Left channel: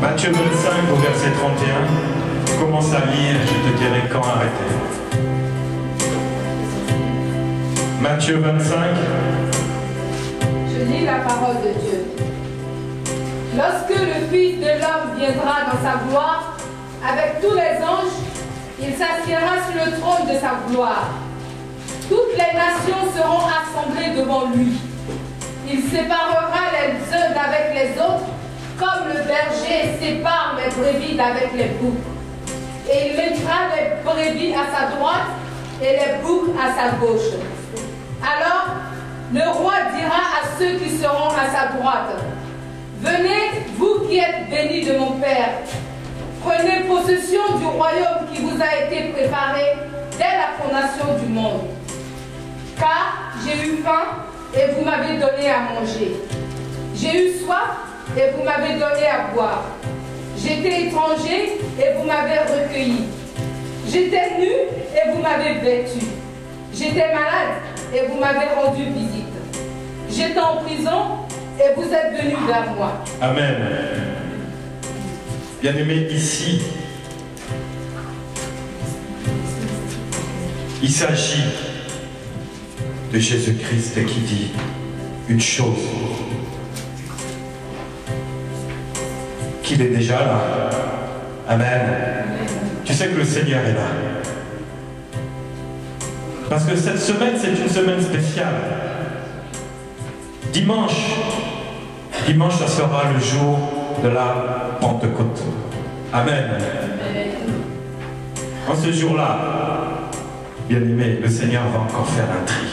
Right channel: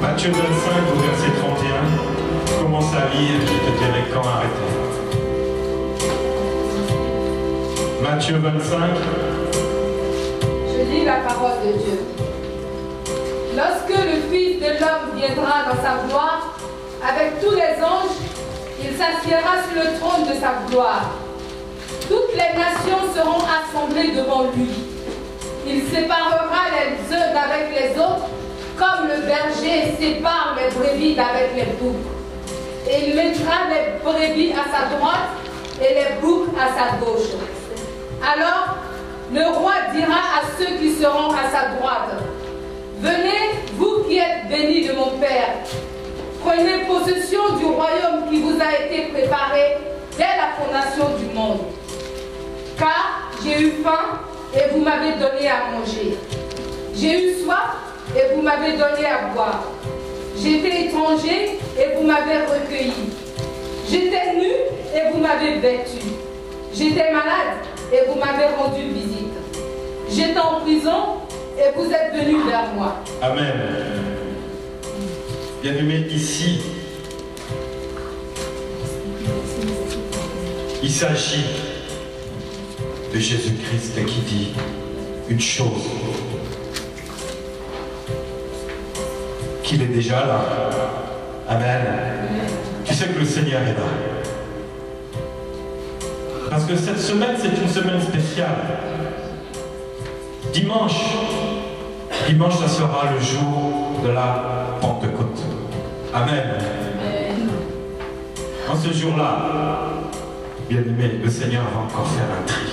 Matthieu 25 au verset 31. Commence à lire, je te dirai quand arrêter. Matthieu 25. Je lis la parole de Dieu. Lorsque le Fils de l'homme viendra dans sa gloire, avec tous les anges, il s'assiera sur le trône de sa gloire. Toutes les nations seront assemblées devant lui. Il séparera les uns d'avec les autres, comme le berger sépare les brebis d'avec les boucs. Et il mettra les brebis à sa droite et les boucs à sa gauche. Alors, le roi dira à ceux qui seront à sa droite, « Venez, vous qui êtes bénis de mon Père, prenez possession du royaume qui vous a été préparé dès la fondation du monde. Car j'ai eu faim et vous m'avez donné à manger. J'ai eu soif et vous m'avez donné à boire. J'étais étranger et vous m'avez recueilli. J'étais nu et vous m'avez vêtu. J'étais malade et vous m'avez rendu visite. J'étais en prison et vous êtes venus vers moi. » Amen. Bien-aimés, ici, il s'agit de Jésus-Christ qui dit une chose, qu'il est déjà là. Amen. Tu sais que le Seigneur est là. Parce que cette semaine, c'est une semaine spéciale. Dimanche, ça sera le jour de la Pentecôte. Amen. En ce jour-là, bien aimé, le Seigneur va encore faire un tri.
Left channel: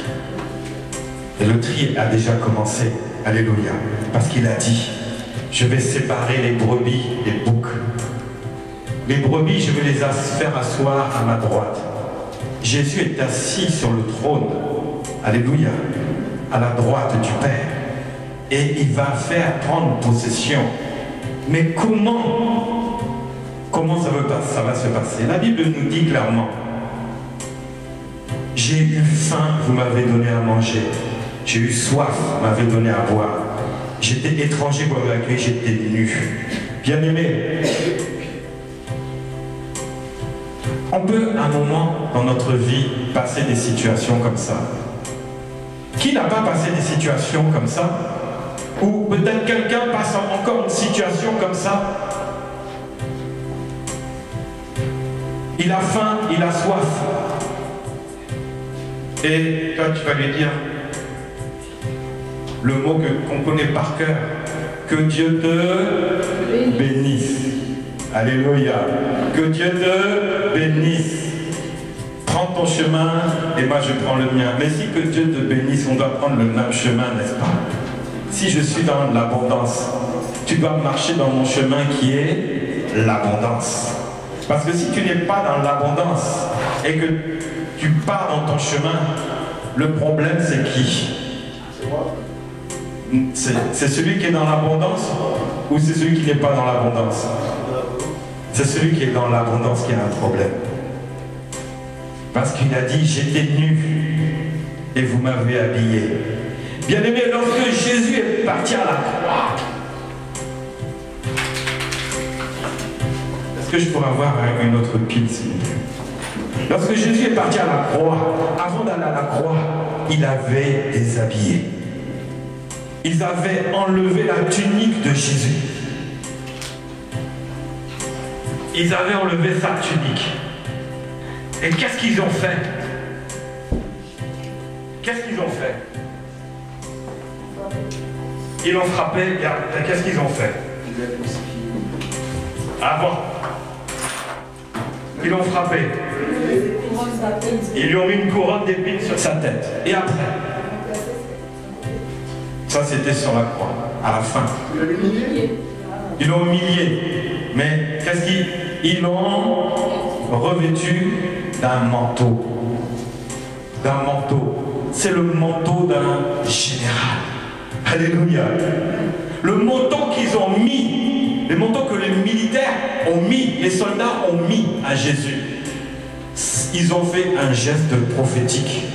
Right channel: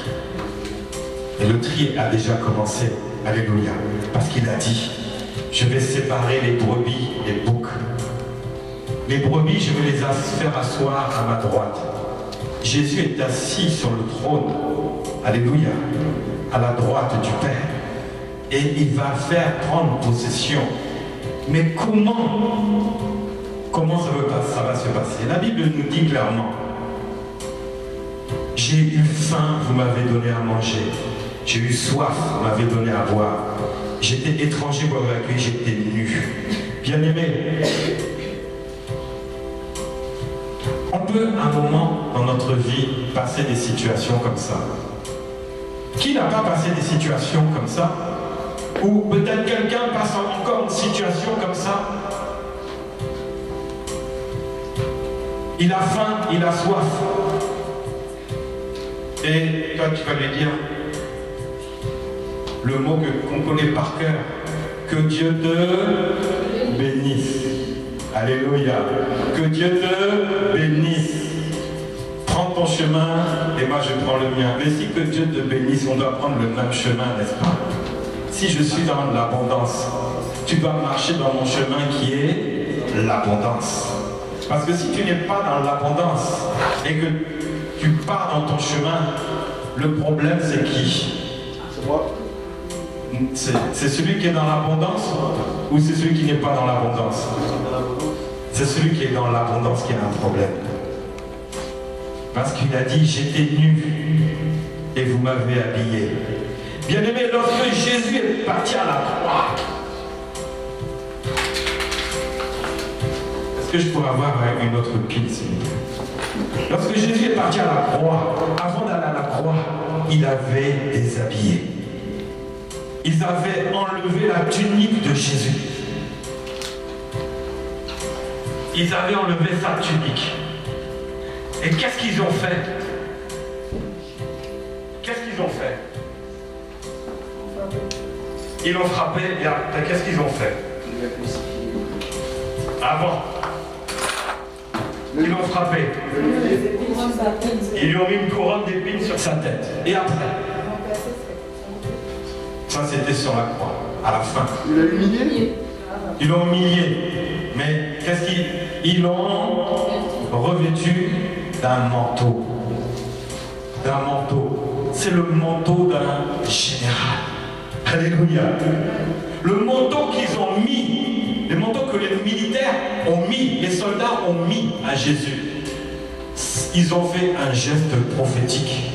Et le tri a déjà commencé. Alléluia. Parce qu'il a dit, je vais séparer les brebis des boucs. Les brebis, je vais les faire asseoir à ma droite. Jésus est assis sur le trône. Alléluia. À la droite du Père. Et il va faire prendre possession. Mais comment ça va se passer? La Bible nous dit clairement, j'ai eu faim, vous m'avez donné à manger. J'ai eu soif, vous m'avez donné à boire. J'étais étranger, vous m'avez accueilli, j'étais nu. Bien-aimé, on peut à un moment dans notre vie passer des situations comme ça. Qui n'a pas passé des situations comme ça? Ou peut-être quelqu'un passe encore une situation comme ça. Il a faim, il a soif. Et toi tu vas lui dire le mot qu'on connaît par cœur. Que Dieu te bénisse. Alléluia. Que Dieu te bénisse. Prends ton chemin et moi je prends le mien. Mais si que Dieu te bénisse, on doit prendre le même chemin, n'est-ce pas? Si je suis dans l'abondance, tu dois marcher dans mon chemin qui est l'abondance. Parce que si tu n'es pas dans l'abondance et que tu pars dans ton chemin, le problème c'est qui? C'est celui qui est dans l'abondance ou c'est celui qui n'est pas dans l'abondance? C'est celui qui est dans l'abondance qui a un problème. Parce qu'il a dit, j'étais nu et vous m'avez habillé. Bien-aimé, lorsque Jésus est parti à la croix, est-ce que je pourrais avoir une autre pile, s'il vous plaît? Lorsque Jésus est parti à la croix, avant d'aller à la croix, il avait déshabillé. Ils avaient enlevé la tunique de Jésus. Ils avaient enlevé sa tunique. Et qu'est-ce qu'ils ont fait? Qu'est-ce qu'ils ont fait? Ils l'ont frappé, et après, qu'est-ce qu'ils ont fait? Avant. Ils l'ont frappé. Ils lui ont mis une couronne d'épines sur sa tête. Et après? Ça, c'était sur la croix, à la fin. Ils l'ont humilié. Mais qu'est-ce qu'ils l'ont revêtu d'un manteau? D'un manteau. C'est le manteau d'un général. Alléluia. Le manteau qu'ils ont mis, le manteau que les militaires ont mis, les soldats ont mis à Jésus, ils ont fait un geste prophétique.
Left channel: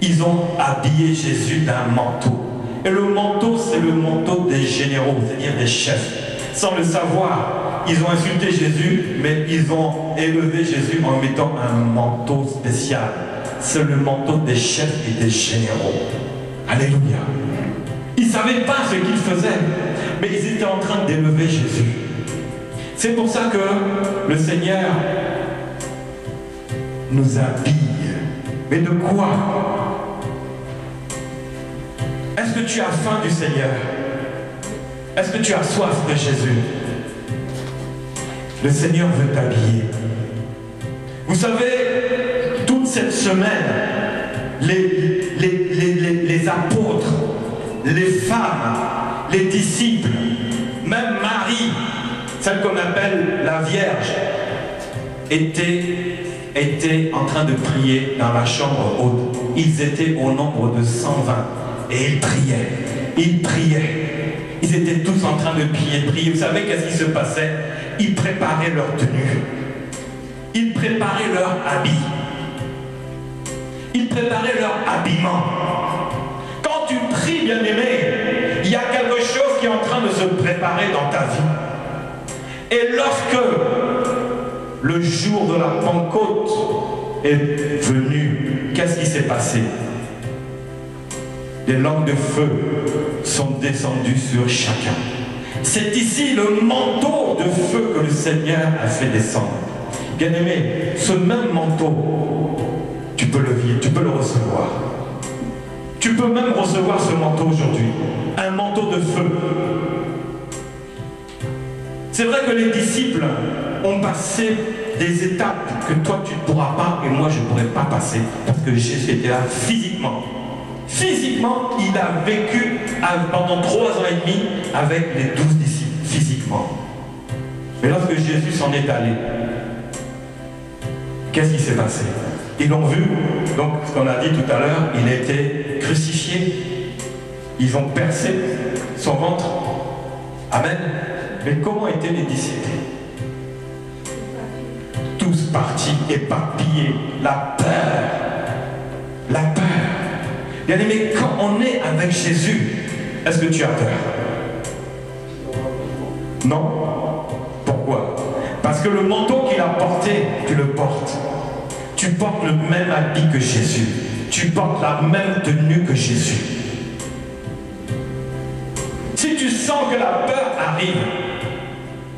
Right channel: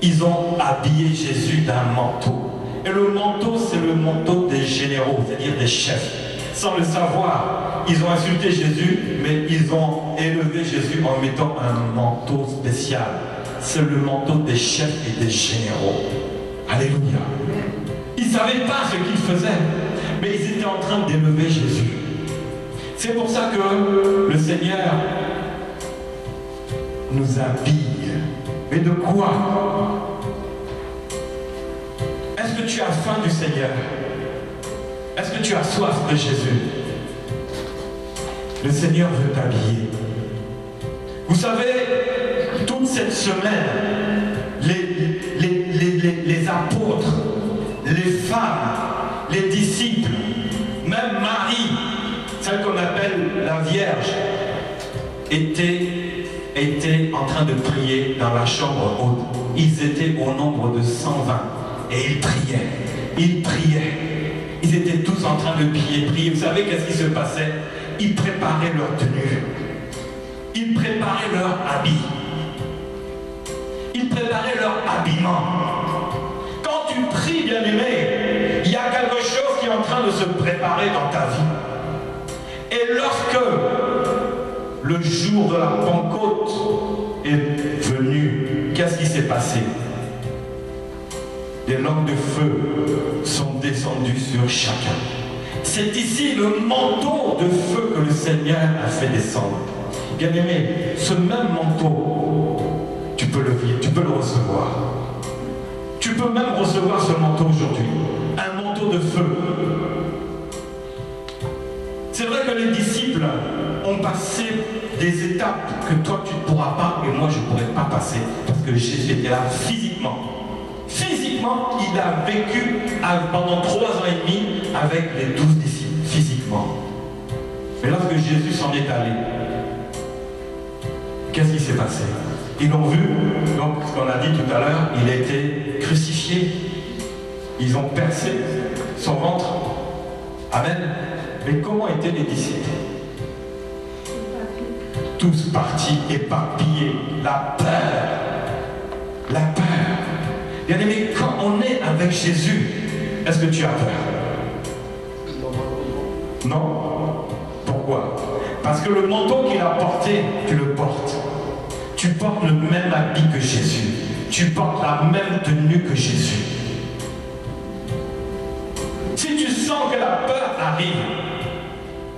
Ils ont habillé Jésus d'un manteau. Et le manteau, c'est le manteau des généraux, c'est-à-dire des chefs. sans le savoir. Ils ont insulté Jésus, mais ils ont élevé Jésus en mettant un manteau spécial. C'est le manteau des chefs et des généraux. Alléluia. Ils ne savaient pas ce qu'ils faisaient, mais ils étaient en train d'élever Jésus. C'est pour ça que le Seigneur nous habille. Mais de quoi? Est-ce que tu as faim du Seigneur? Est-ce que tu as soif de Jésus? Le Seigneur veut t'habiller. Vous savez, toute cette semaine, les apôtres, les femmes, les disciples, même Marie, celle qu'on appelle la Vierge, étaient en train de prier dans la chambre haute. Ils étaient au nombre de 120 et ils priaient. Ils priaient. Ils étaient tous en train de prier. Vous savez qu'est-ce qui se passait? Ils préparaient leur tenue. Ils préparaient leur habit. Ils préparaient leur habillement. Quand tu pries, bien-aimé, il y a quelque chose qui est en train de se préparer dans ta vie. Et lorsque le jour de la Pentecôte est venu, qu'est-ce qui s'est passé? Des langues de feu sont descendues sur chacun. C'est ici le manteau de feu que le Seigneur a fait descendre. Bien-aimé, ce même manteau, tu peux le vivre, tu peux le recevoir. Tu peux même recevoir ce manteau aujourd'hui. Un manteau de feu. C'est vrai que les disciples ont passé des étapes que toi tu ne pourras pas et moi je ne pourrais pas passer parce que Jésus était là physiquement. Physiquement, il a vécu pendant 3 ans et demi avec les 12 disciples, physiquement. Mais lorsque Jésus s'en est allé, qu'est-ce qui s'est passé? Ils l'ont vu, donc ce qu'on a dit tout à l'heure, il a été crucifié. Ils ont percé son ventre. Amen. Mais comment étaient les disciples? Tous partis, éparpillés, la peur. La peur. Bien aimé, quand on est avec Jésus, est-ce que tu as peur? Non. Pourquoi? Parce que le manteau qu'il a porté, tu le portes. Tu portes le même habit que Jésus. Tu portes la même tenue que Jésus. Si tu sens que la peur arrive,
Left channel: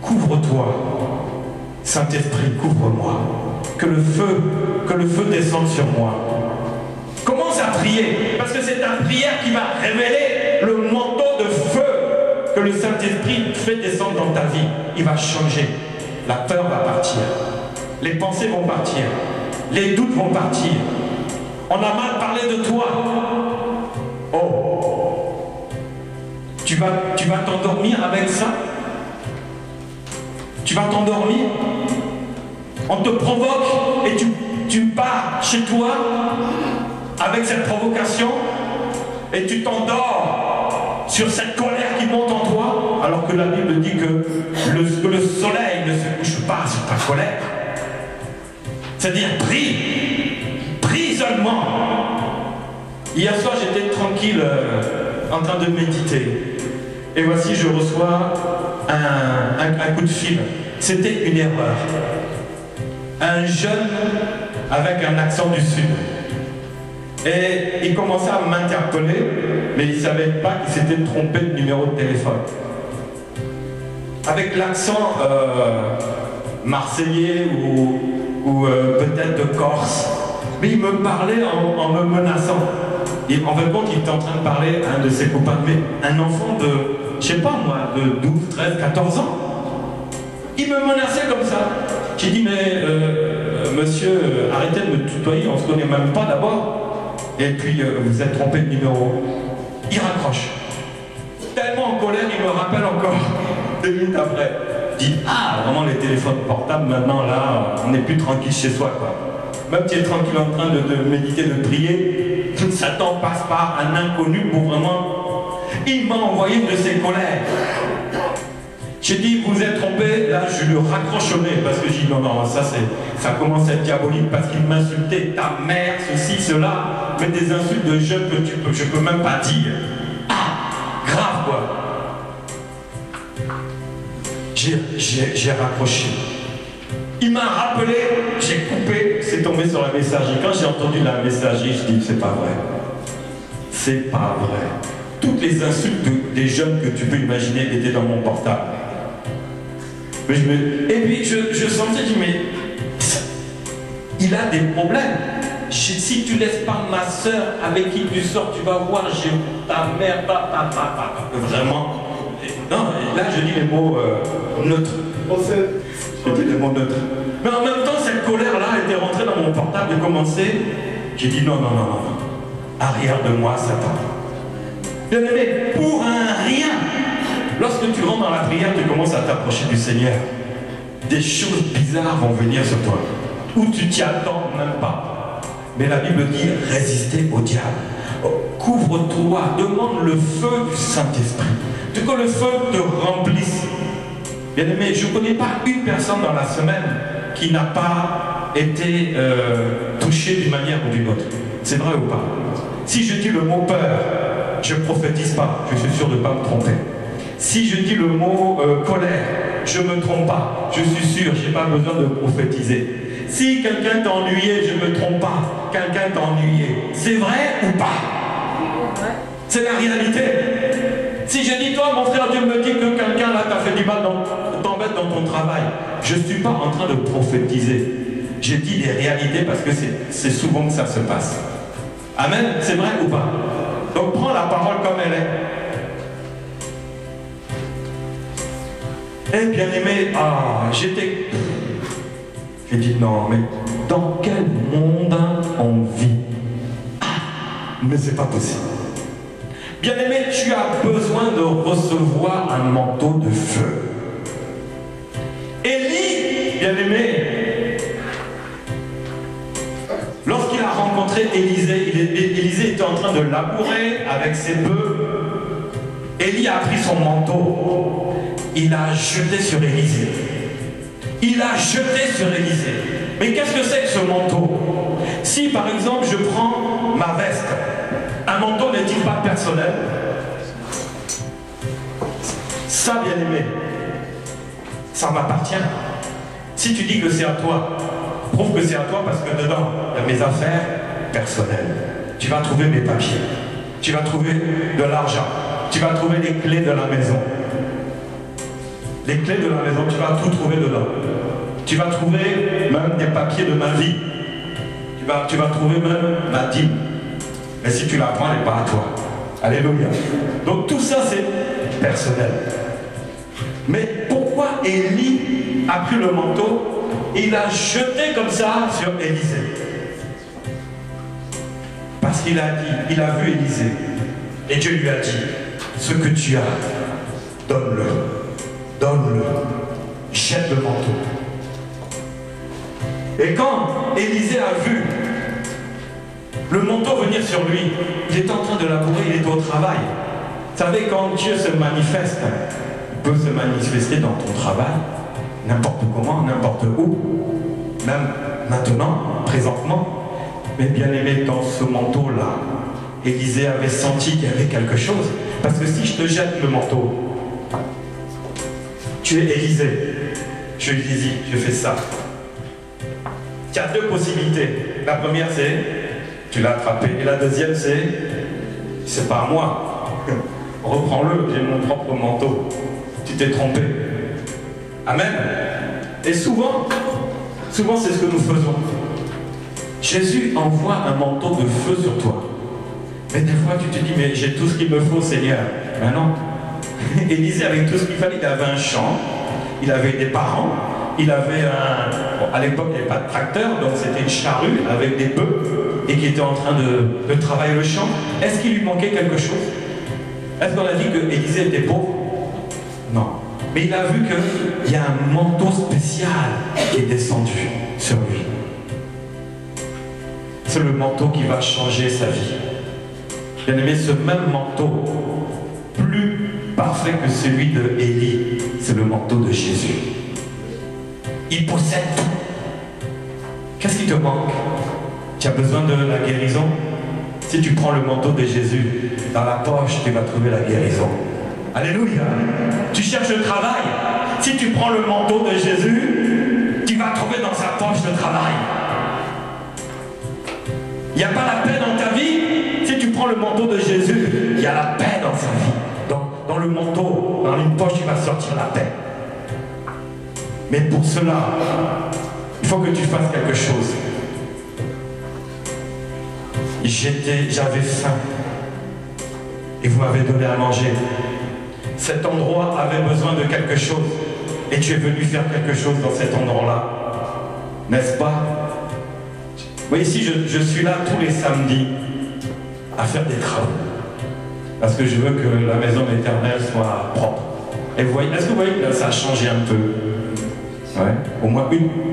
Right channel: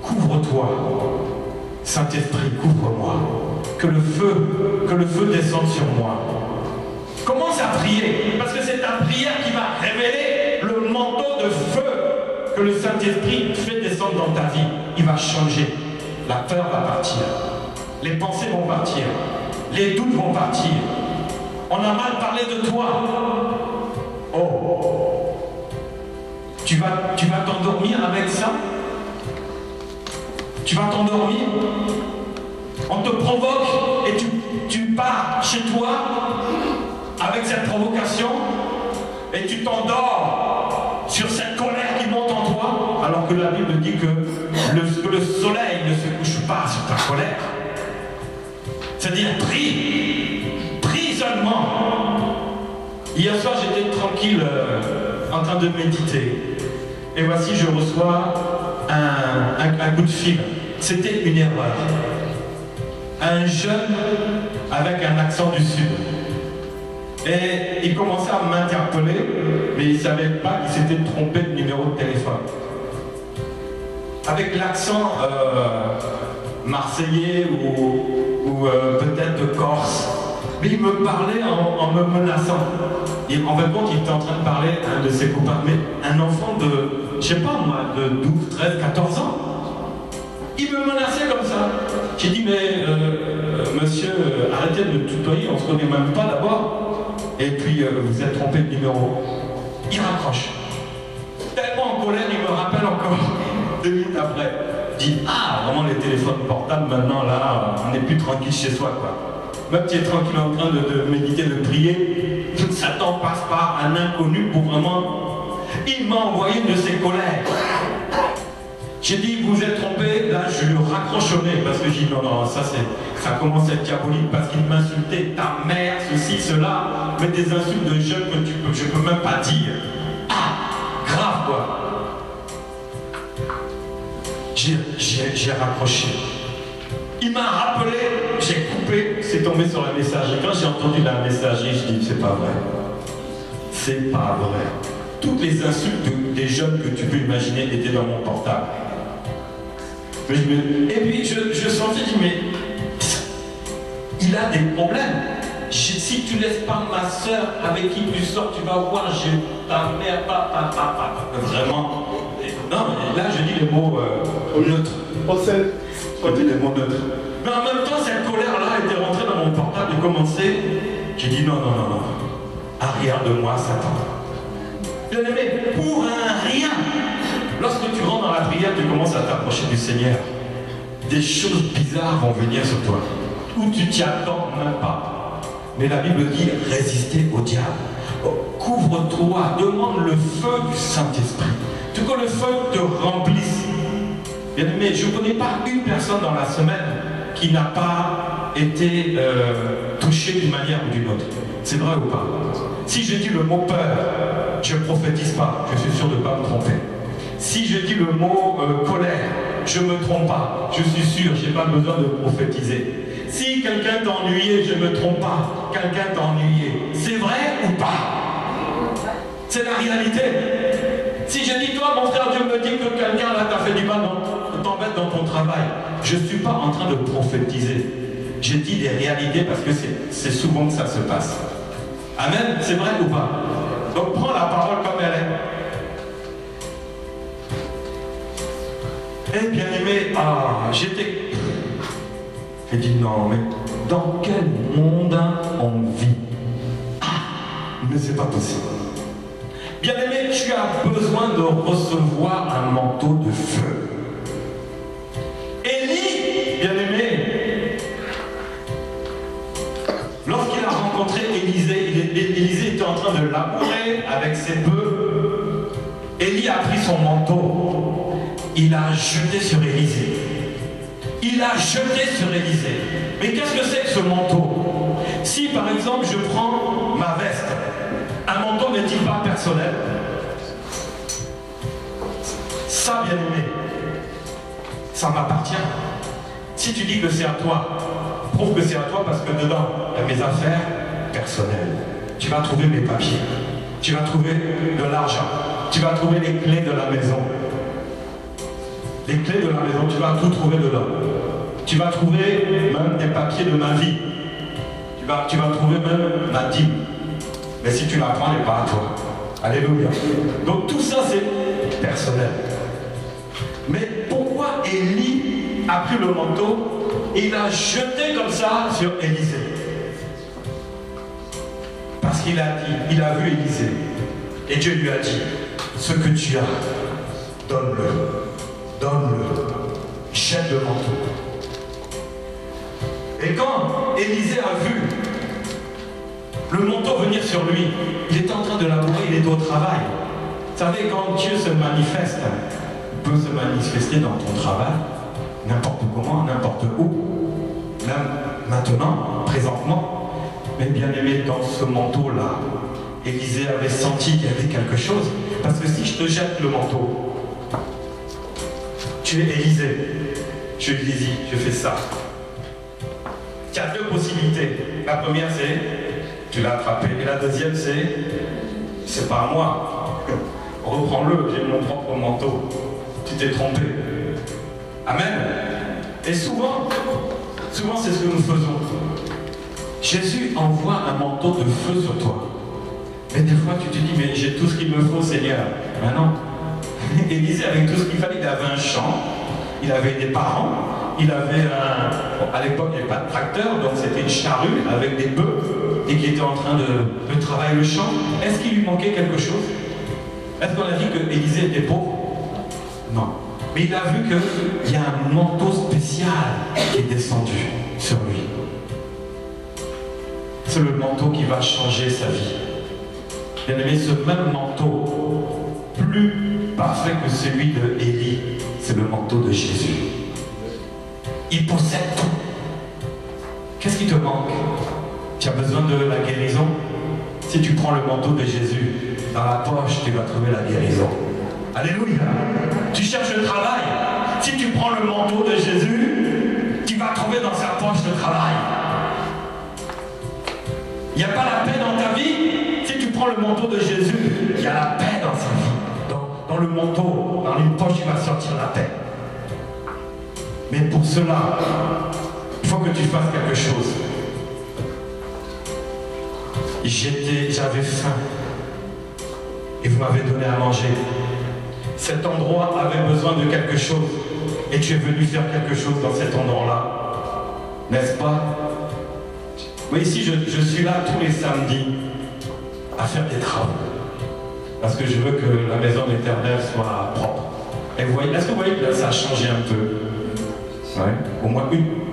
couvre-toi. Saint-Esprit, couvre-moi. Que le feu descende sur moi. Commence à prier, parce que c'est ta prière qui va révéler le manteau de feu que le Saint-Esprit fait descendre dans ta vie. Il va changer. La peur va partir. Les pensées vont partir. Les doutes vont partir. On a mal parlé de toi. Oh. Tu vas t'endormir avec ça? Tu vas t'endormir? On te provoque et tu pars chez toi avec cette provocation et tu t'endors sur cette colère qui monte en toi, alors que la Bible dit que le soleil ne se couche pas sur ta colère. C'est-à-dire, prie seulement. Hier soir, j'étais tranquille en train de méditer. Et voici, je reçois un coup de fil. C'était une erreur. Un jeune avec un accent du Sud. Et il commençait à m'interpeller, mais il ne savait pas qu'il s'était trompé de numéro de téléphone. Avec l'accent marseillais ou peut-être de Corse. Mais il me parlait en me menaçant. Et en fait, il était en train de parler à un de ses copains, mais un enfant de, je sais pas moi, de 12, 13, 14 ans. Il me menaçait comme ça. J'ai dit, mais monsieur, arrêtez de me tutoyer, on ne se connaît même pas d'abord. Et puis, vous êtes trompé de numéro. Il raccroche. Tellement en colère, il me rappelle encore 2 minutes après. Il dit, ah, vraiment les téléphones portables, maintenant, là, on n'est plus tranquille chez soi, quoi. Même si tu es tranquille en train de méditer, de prier, Satan passe par un inconnu pour vraiment... Il m'a envoyé une de ses colères. J'ai dit, vous êtes trompé, là je lui raccrochonnais parce que j'ai dit, non, non, ça commence à être diabolique parce qu'il m'insultait, ta mère, ceci, cela, mais des insultes de jeunes que je peux même pas dire. Ah, grave quoi. j'ai raccroché. Il m'a rappelé, j'ai coupé, c'est tombé sur la messagerie. Quand j'ai entendu la messagerie, je dis, c'est pas vrai. C'est pas vrai. Toutes les insultes des jeunes que tu peux imaginer étaient dans mon portable. Mais et puis je sentais, je dis, mais il a des problèmes. Si tu laisses pas ma soeur avec qui tu sors, tu vas voir, j'ai ta mère, papa. Vraiment. Non, là je dis les mots neutres. Je dis les mots neutres. Mais en même temps, cette colère-là était rentrée dans mon portable et commençait. J'ai dit non. Arrière de moi, Satan. Bien aimé, pour un rien. Lorsque tu rentres dans la prière, tu commences à t'approcher du Seigneur. Des choses bizarres vont venir sur toi. Où tu t'y attends même pas. Mais la Bible dit résister au diable. Couvre-toi, demande le feu du Saint-Esprit. Que le feu te remplisse. Bien aimé, je ne connais pas une personne dans la semaine qui n'a pas été touchée d'une manière ou d'une autre. C'est vrai ou pas? Si je dis le mot peur, je ne prophétise pas, je suis sûr de ne pas me tromper. Si je dis le mot colère, je ne me trompe pas, je suis sûr, je n'ai pas besoin de prophétiser. Si quelqu'un t'a ennuyé, je ne me trompe pas, quelqu'un t'a ennuyé. C'est vrai ou pas? C'est la réalité. Si je dis, toi, mon frère, Dieu me dit que quelqu'un là t'a fait du mal, t'embête dans ton travail, je ne suis pas en train de prophétiser. Je dis des réalités parce que c'est souvent que ça se passe. Amen, c'est vrai ou pas? Donc prends la parole comme elle est. Eh bien aimé, j'ai dit non, mais dans quel monde on vit? Mais c'est pas possible. Bien aimé, tu as besoin de recevoir un manteau de feu. Élie, bien aimé, lorsqu'il a rencontré Élisée, Élisée était en train de labourer avec ses bœufs. Élie a pris son manteau, il a jeté sur Élisée. Mais qu'est-ce que c'est que ce manteau? Si par exemple je prends ma veste, un manteau n'est-il pas personnel? Ça, bien aimé, ça m'appartient. Si tu dis que c'est à toi, prouve que c'est à toi parce que dedans, il y a mes affaires personnelles. Tu vas trouver mes papiers, tu vas trouver de l'argent, tu vas trouver les clés de la maison. Les clés de la maison, tu vas tout trouver dedans. Tu vas trouver même des papiers de ma vie. Tu vas trouver même ma dîme. Mais si tu la prends, elle n'est pas à toi. Alléluia. Donc tout ça, c'est personnel. Mais pourquoi Élie a pris le manteau et il a jeté comme ça sur Élisée? Parce qu'il a dit, il a vu Élisée. Et Dieu lui a dit, ce que tu as, donne-le. Donne-le. Jette le manteau. Et quand Élisée a vu le manteau venir sur lui, il est en train de labourer, il est au travail. Vous savez, quand Dieu se manifeste, il peut se manifester dans ton travail, n'importe comment, n'importe où, même maintenant, présentement. Mais bien aimé, dans ce manteau-là, Élisée avait senti qu'il y avait quelque chose. Parce que si je te jette le manteau, tu es Élisée. Je lui dis, je fais ça. Il y a deux possibilités. La première, c'est tu l'as attrapé. Et la deuxième, c'est pas moi. Reprends-le, j'ai mon propre manteau. Tu t'es trompé. Amen. Et souvent, c'est ce que nous faisons. Jésus envoie un manteau de feu sur toi. Mais des fois, tu te dis, mais j'ai tout ce qu'il me faut, Seigneur. Mais non. Élisée avait tout ce qu'il fallait. Il avait un champ, il avait des parents, il avait un... Bon, à l'époque, il n'y avait pas de tracteur, donc c'était une charrue avec des bœufs et qui était en train de travailler le champ. Est-ce qu'il lui manquait quelque chose? Est-ce qu'on a dit que Élisée était pauvre? Non. Mais il a vu qu'il y a un manteau spécial qui est descendu sur lui. C'est le manteau qui va changer sa vie. Bien aimé, ce même manteau, plus parfait que celui de Élie, c'est le manteau de Jésus. Il possède tout. Qu'est-ce qui te manque? Tu as besoin de la guérison? Si tu prends le manteau de Jésus, dans la poche, tu vas trouver la guérison. Alléluia. Tu cherches le travail. Si tu prends le manteau de Jésus, tu vas trouver dans sa poche le travail. Il n'y a pas la paix dans ta vie. Si tu prends le manteau de Jésus, il y a la paix dans sa vie. Dans le manteau, dans une poche, il va sortir la paix. Mais pour cela, il faut que tu fasses quelque chose. J'avais faim. Et vous m'avez donné à manger. Cet endroit avait besoin de quelque chose. Et tu es venu faire quelque chose dans cet endroit-là. N'est-ce pas? Oui, ici, je suis là tous les samedis à faire des travaux. Parce que je veux que la maison de l'Éternel soit propre. Et vous voyez, est-ce que vous voyez que là, ça a changé un peu? Ouais.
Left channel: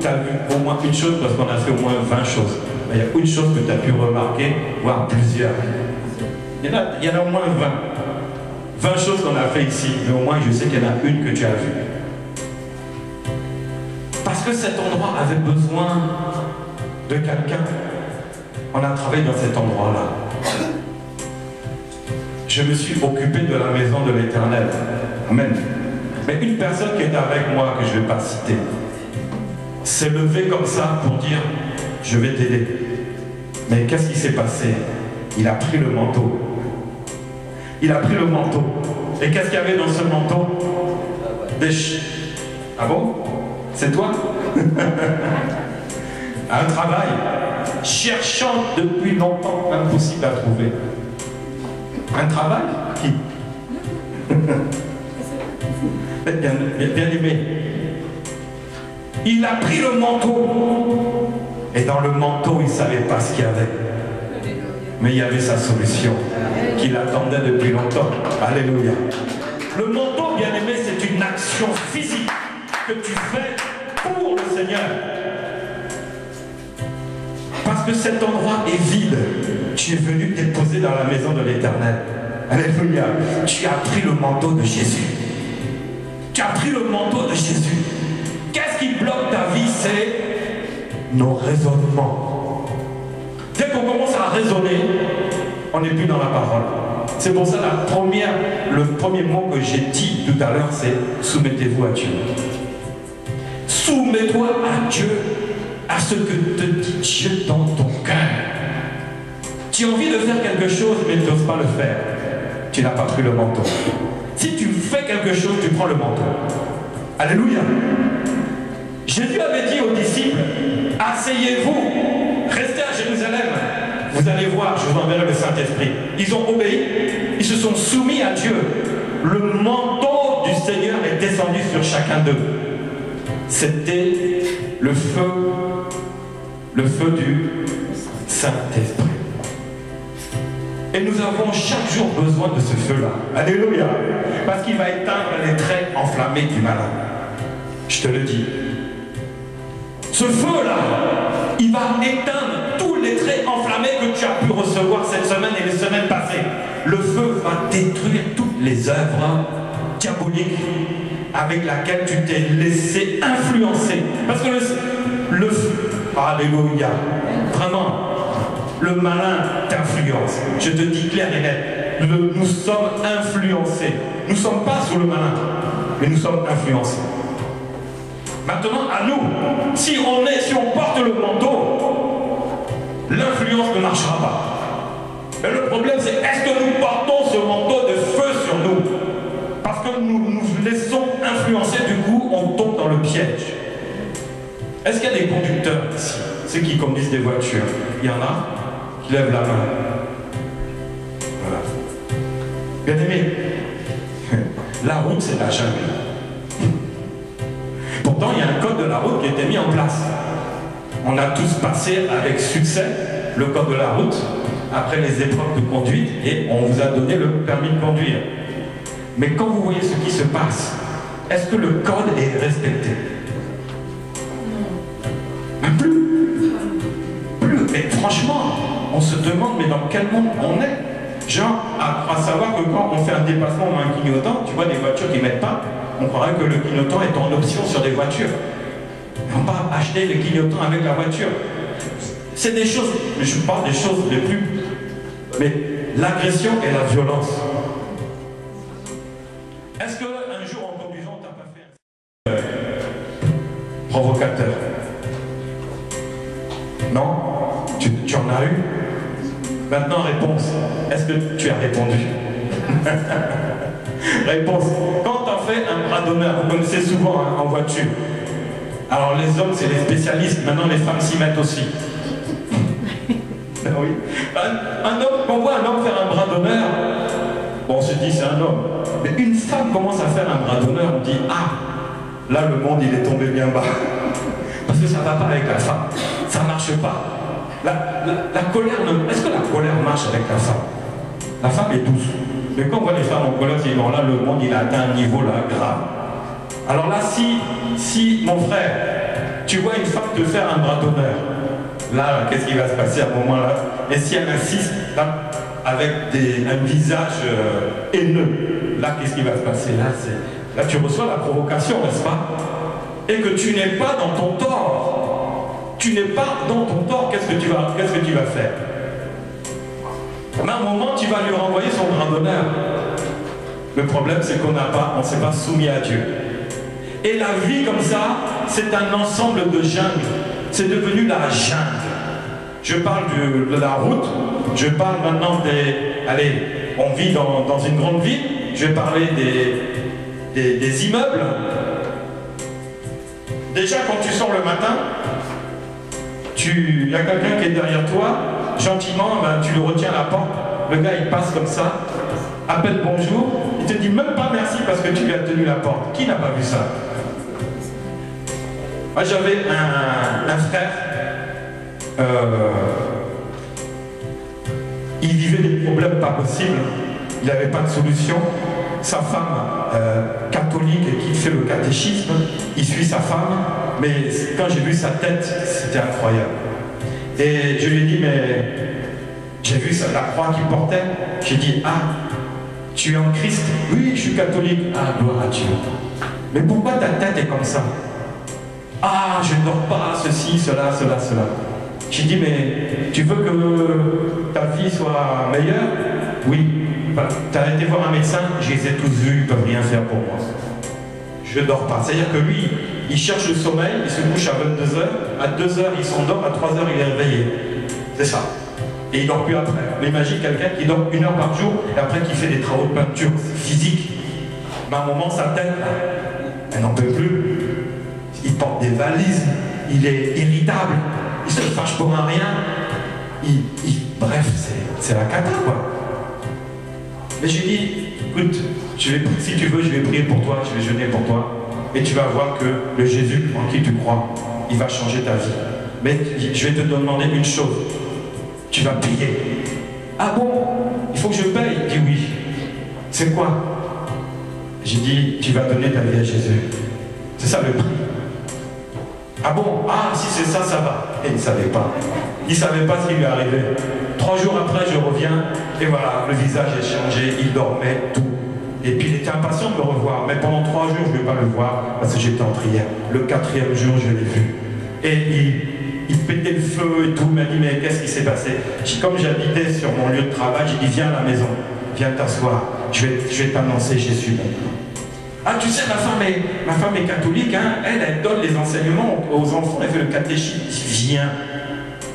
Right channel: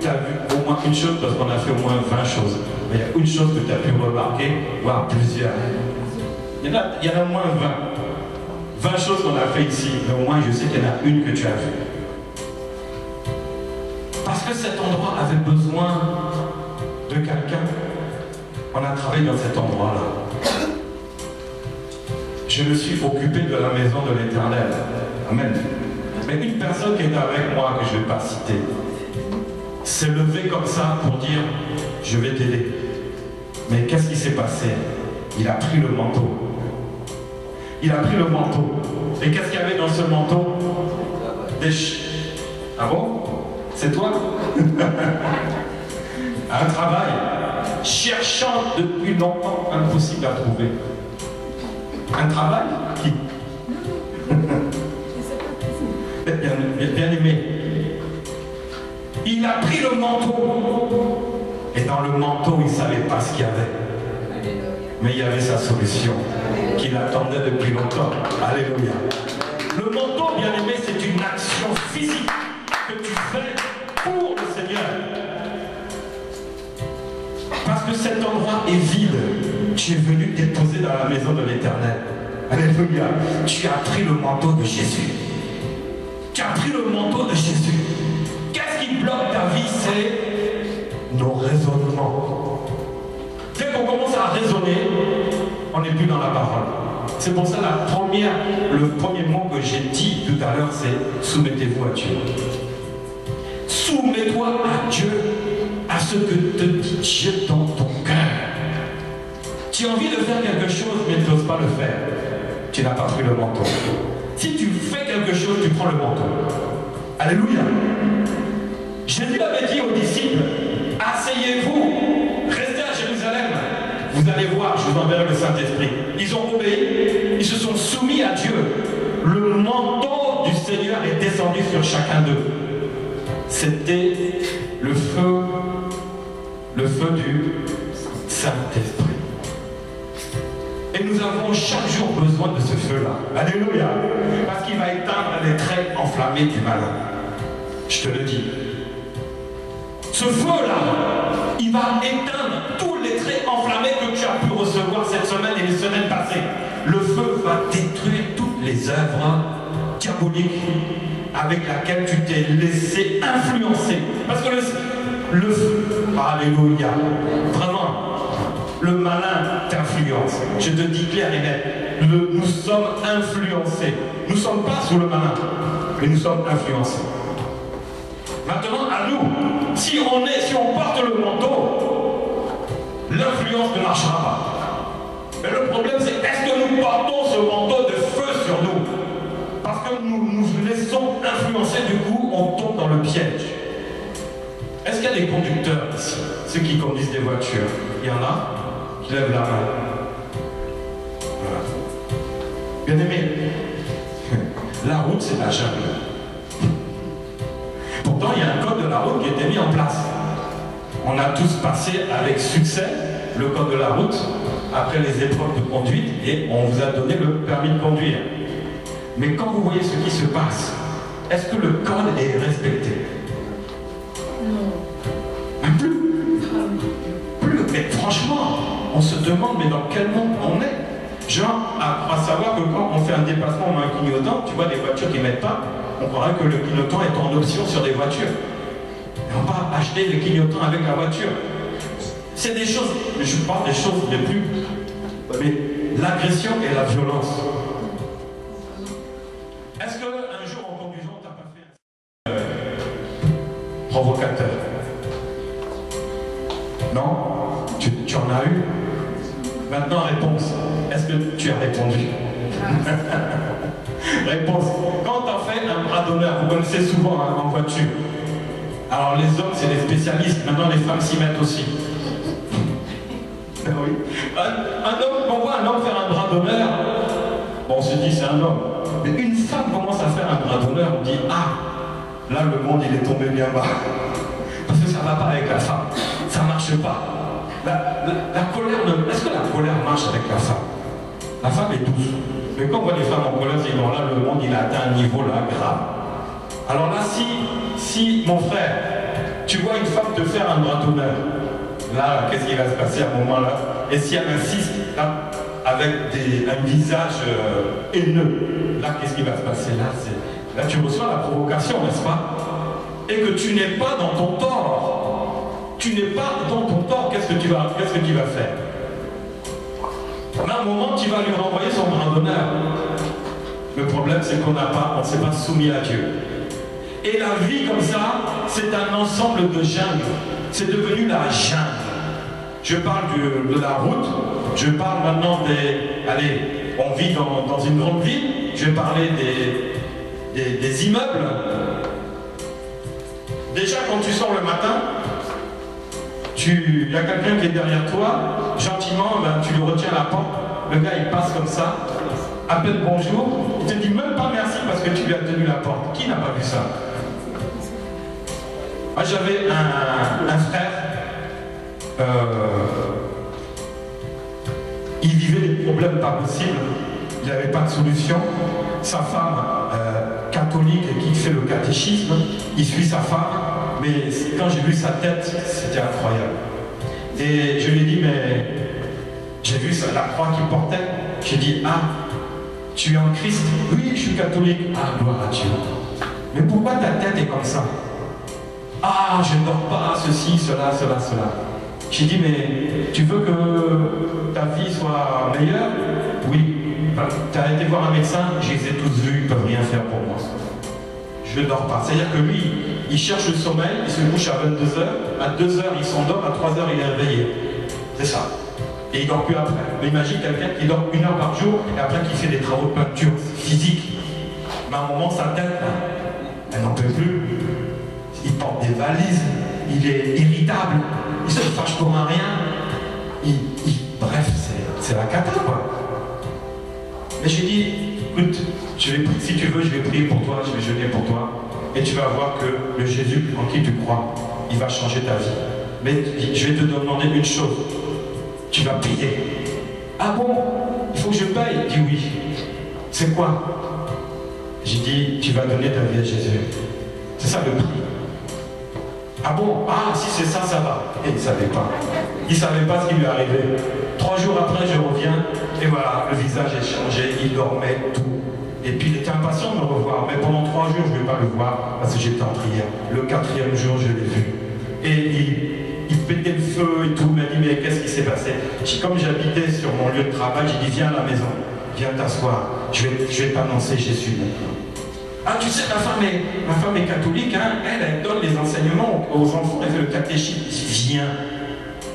Tu as vu au moins une chose, parce qu'on a fait au moins 20 choses. Il y a une chose que tu as pu remarquer, voire plusieurs. Il y en a au moins 20. 20 choses qu'on a fait ici, mais au moins je sais qu'il y en a une que tu as vue. Parce que cet endroit avait besoin de quelqu'un. On a travaillé dans cet endroit-là. Je me suis occupé de la maison de l'Éternel. Amen. Mais une personne qui est avec moi, que je ne vais pas citer, s'est levée comme ça pour dire « Je vais t'aider ». Mais qu'est-ce qui s'est passé? Il a pris le manteau. Il a pris le manteau. Et qu'est-ce qu'il y avait dans ce manteau? Ah bon? C'est toi? Un travail cherchant depuis longtemps, impossible à trouver. Un travail qui bien aimé. Il a pris le manteau. Et dans le manteau, il ne savait pas ce qu'il y avait. Mais il y avait sa solution qu'il attendait depuis longtemps. Alléluia. Le manteau, bien aimé, c'est une action physique que tu fais pour le Seigneur. Parce que cet endroit est vide. Tu es venu déposer dans la maison de l'Éternel. Alléluia. Tu as pris le manteau de Jésus. Tu as pris le manteau de Jésus. Qu'est-ce qui bloque ta vie? C'est nos raisonnements. Dès qu'on commence à raisonner, on n'est plus dans la parole. C'est pour ça le premier mot que j'ai dit tout à l'heure, c'est soumettez-vous à Dieu. Soumets-toi à Dieu, à ce que te dit Dieu dans ton cœur. Tu as envie de faire quelque chose, mais tu n'oses pas le faire. Tu n'as pas pris le manteau. Si tu fais quelque chose, tu prends le manteau. Alléluia. Jésus avait dit aux disciples, asseyez-vous, restez à Jérusalem. Vous allez voir, je vous enverrai le Saint-Esprit. Ils ont obéi, ils se sont soumis à Dieu. Le manteau du Seigneur est descendu sur chacun d'eux. C'était le feu du Saint-Esprit. Et nous avons chaque jour besoin de ce feu-là. Alléluia. Parce qu'il va éteindre les traits enflammés du malin. Je te le dis. Ce feu-là, il va éteindre tous les traits enflammés que tu as pu recevoir cette semaine et les semaines passées. Le feu va détruire toutes les œuvres diaboliques avec lesquelles tu t'es laissé influencer. Parce que le feu, alléluia, vraiment, le malin t'influence. Je te dis clair et net, nous sommes influencés. Nous ne sommes pas sous le malin, mais nous sommes influencés. Maintenant, à nous, si on porte le manteau, l'influence ne marchera pas. Mais le problème, c'est est-ce que nous portons ce manteau de feu sur nous? Parce que nous nous laissons influencer, du coup, on tombe dans le piège. Est-ce qu'il y a des conducteurs ici? Ceux qui conduisent des voitures? Il y en a qui lèvent la main. Voilà. Bien aimé, la route, c'est la jungle. Pourtant, il y a un code de la route qui a été mis en place. On a tous passé avec succès le code de la route après les épreuves de conduite et on vous a donné le permis de conduire. Mais quand vous voyez ce qui se passe, est-ce que le code est respecté? Non. Plus. Mais franchement, on se demande, mais dans quel monde on est? Genre, à savoir que quand on fait un dépassement ou un clignotant, tu vois des voitures qui ne mettent pas, on croirait que le clignotant est en option sur des voitures. Mais on va acheter le clignotant avec la voiture. C'est des choses, mais je parle des choses les plus... Mais l'agression et la violence. Est-ce qu'un jour en conduisant, tu n'as pas fait provocateur. Non? Tu en as eu? Maintenant, réponse. Est-ce que tu as répondu? Réponse. Quand on fait un bras d'honneur, vous connaissez souvent hein, en voiture. Alors les hommes, c'est les spécialistes. Maintenant, les femmes s'y mettent aussi. Oui. Un homme, on voit un homme faire un bras d'honneur, bon, on se dit c'est un homme. Mais une femme commence à faire un bras d'honneur, on dit ah, là le monde il est tombé bien bas. Parce que ça ne va pas avec la femme, ça ne marche pas. La colère, est-ce que la colère marche avec la femme? La femme est douce. Mais quand on voit les femmes en colère, c'est non, là le monde il a atteint un niveau là grave. Alors là, si mon frère, tu vois une femme te faire un bras d'honneur, là, qu'est-ce qui va se passer à ce moment-là? Et si elle insiste, là, avec un visage haineux, là, qu'est-ce qui va se passer? Là, tu reçois la provocation, n'est-ce pas? Et que tu n'es pas dans ton tort. Tu n'es pas dans ton tort, qu'est-ce que tu vas faire? À un moment, tu vas lui renvoyer son bras d'honneur. Le problème, c'est qu'on ne s'est pas soumis à Dieu. Et la vie comme ça, c'est un ensemble de jungles. C'est devenu la jungle. Je parle de la route, je parle maintenant des... Allez, on vit dans une grande ville, je vais parler des immeubles. Déjà, quand tu sors le matin, il y a quelqu'un qui est derrière toi, gentiment, ben, tu lui retiens la porte, le gars il passe comme ça, appelle bonjour, il te dit même pas merci parce que tu lui as tenu la porte. Qui n'a pas vu ça? Moi j'avais un frère, il vivait des problèmes pas possibles, il n'avait pas de solution. Sa femme, catholique, qui fait le catéchisme, il suit sa femme, mais quand j'ai vu sa tête, c'était incroyable. Et je lui ai dit, mais j'ai vu la croix qu'il portait, j'ai dit, ah, tu es en Christ? Oui, je suis catholique. Ah, gloire à Dieu. Mais pourquoi ta tête est comme ça? Ah, je ne dors pas, ceci, cela. J'ai dit, mais tu veux que ta vie soit meilleure? Oui. Tu as été voir un médecin, je les ai tous vus, ils ne peuvent rien faire pour moi. Je ne dors pas. C'est-à-dire que lui, il cherche le sommeil, il se couche à 22h, à 2h il s'endort, à 3h il est réveillé. C'est ça. Et il ne dort plus après. Mais imagine quelqu'un qui dort 1 heure par jour et après qui fait des travaux de peinture physique. Mais à un moment, sa tête, elle n'en peut plus. Il porte des valises, il est irritable, il se fâche pour un rien. Bref, c'est la cata, quoi. Mais je lui dis, écoute, si tu veux, je vais prier pour toi, je vais jeûner pour toi. Et tu vas voir que le Jésus en qui tu crois, il va changer ta vie. Mais je vais te demander une chose. Tu vas payer. Ah bon? Il faut que je paye? Il dit oui. C'est quoi? J'ai dit, tu vas donner ta vie à Jésus. C'est ça le prix. Ah bon? Ah, si c'est ça, ça va. Et il ne savait pas. Il ne savait pas ce qui lui arrivait. 3 jours après, je reviens, et voilà, le visage est changé, il dormait, tout. Et puis il était impatient de me revoir, mais pendant 3 jours, je ne vais pas le voir, parce que j'étais en prière. Le 4e jour, je l'ai vu. Et il pétait le feu et tout, il m'a dit, mais qu'est-ce qui s'est passé? Comme j'habitais sur mon lieu de travail, j'ai dit, viens à la maison, viens t'asseoir, je vais t'annoncer Jésus maintenant. Ah, tu sais, ma femme est catholique, hein, elle donne les enseignements aux enfants, elle fait le catéchisme.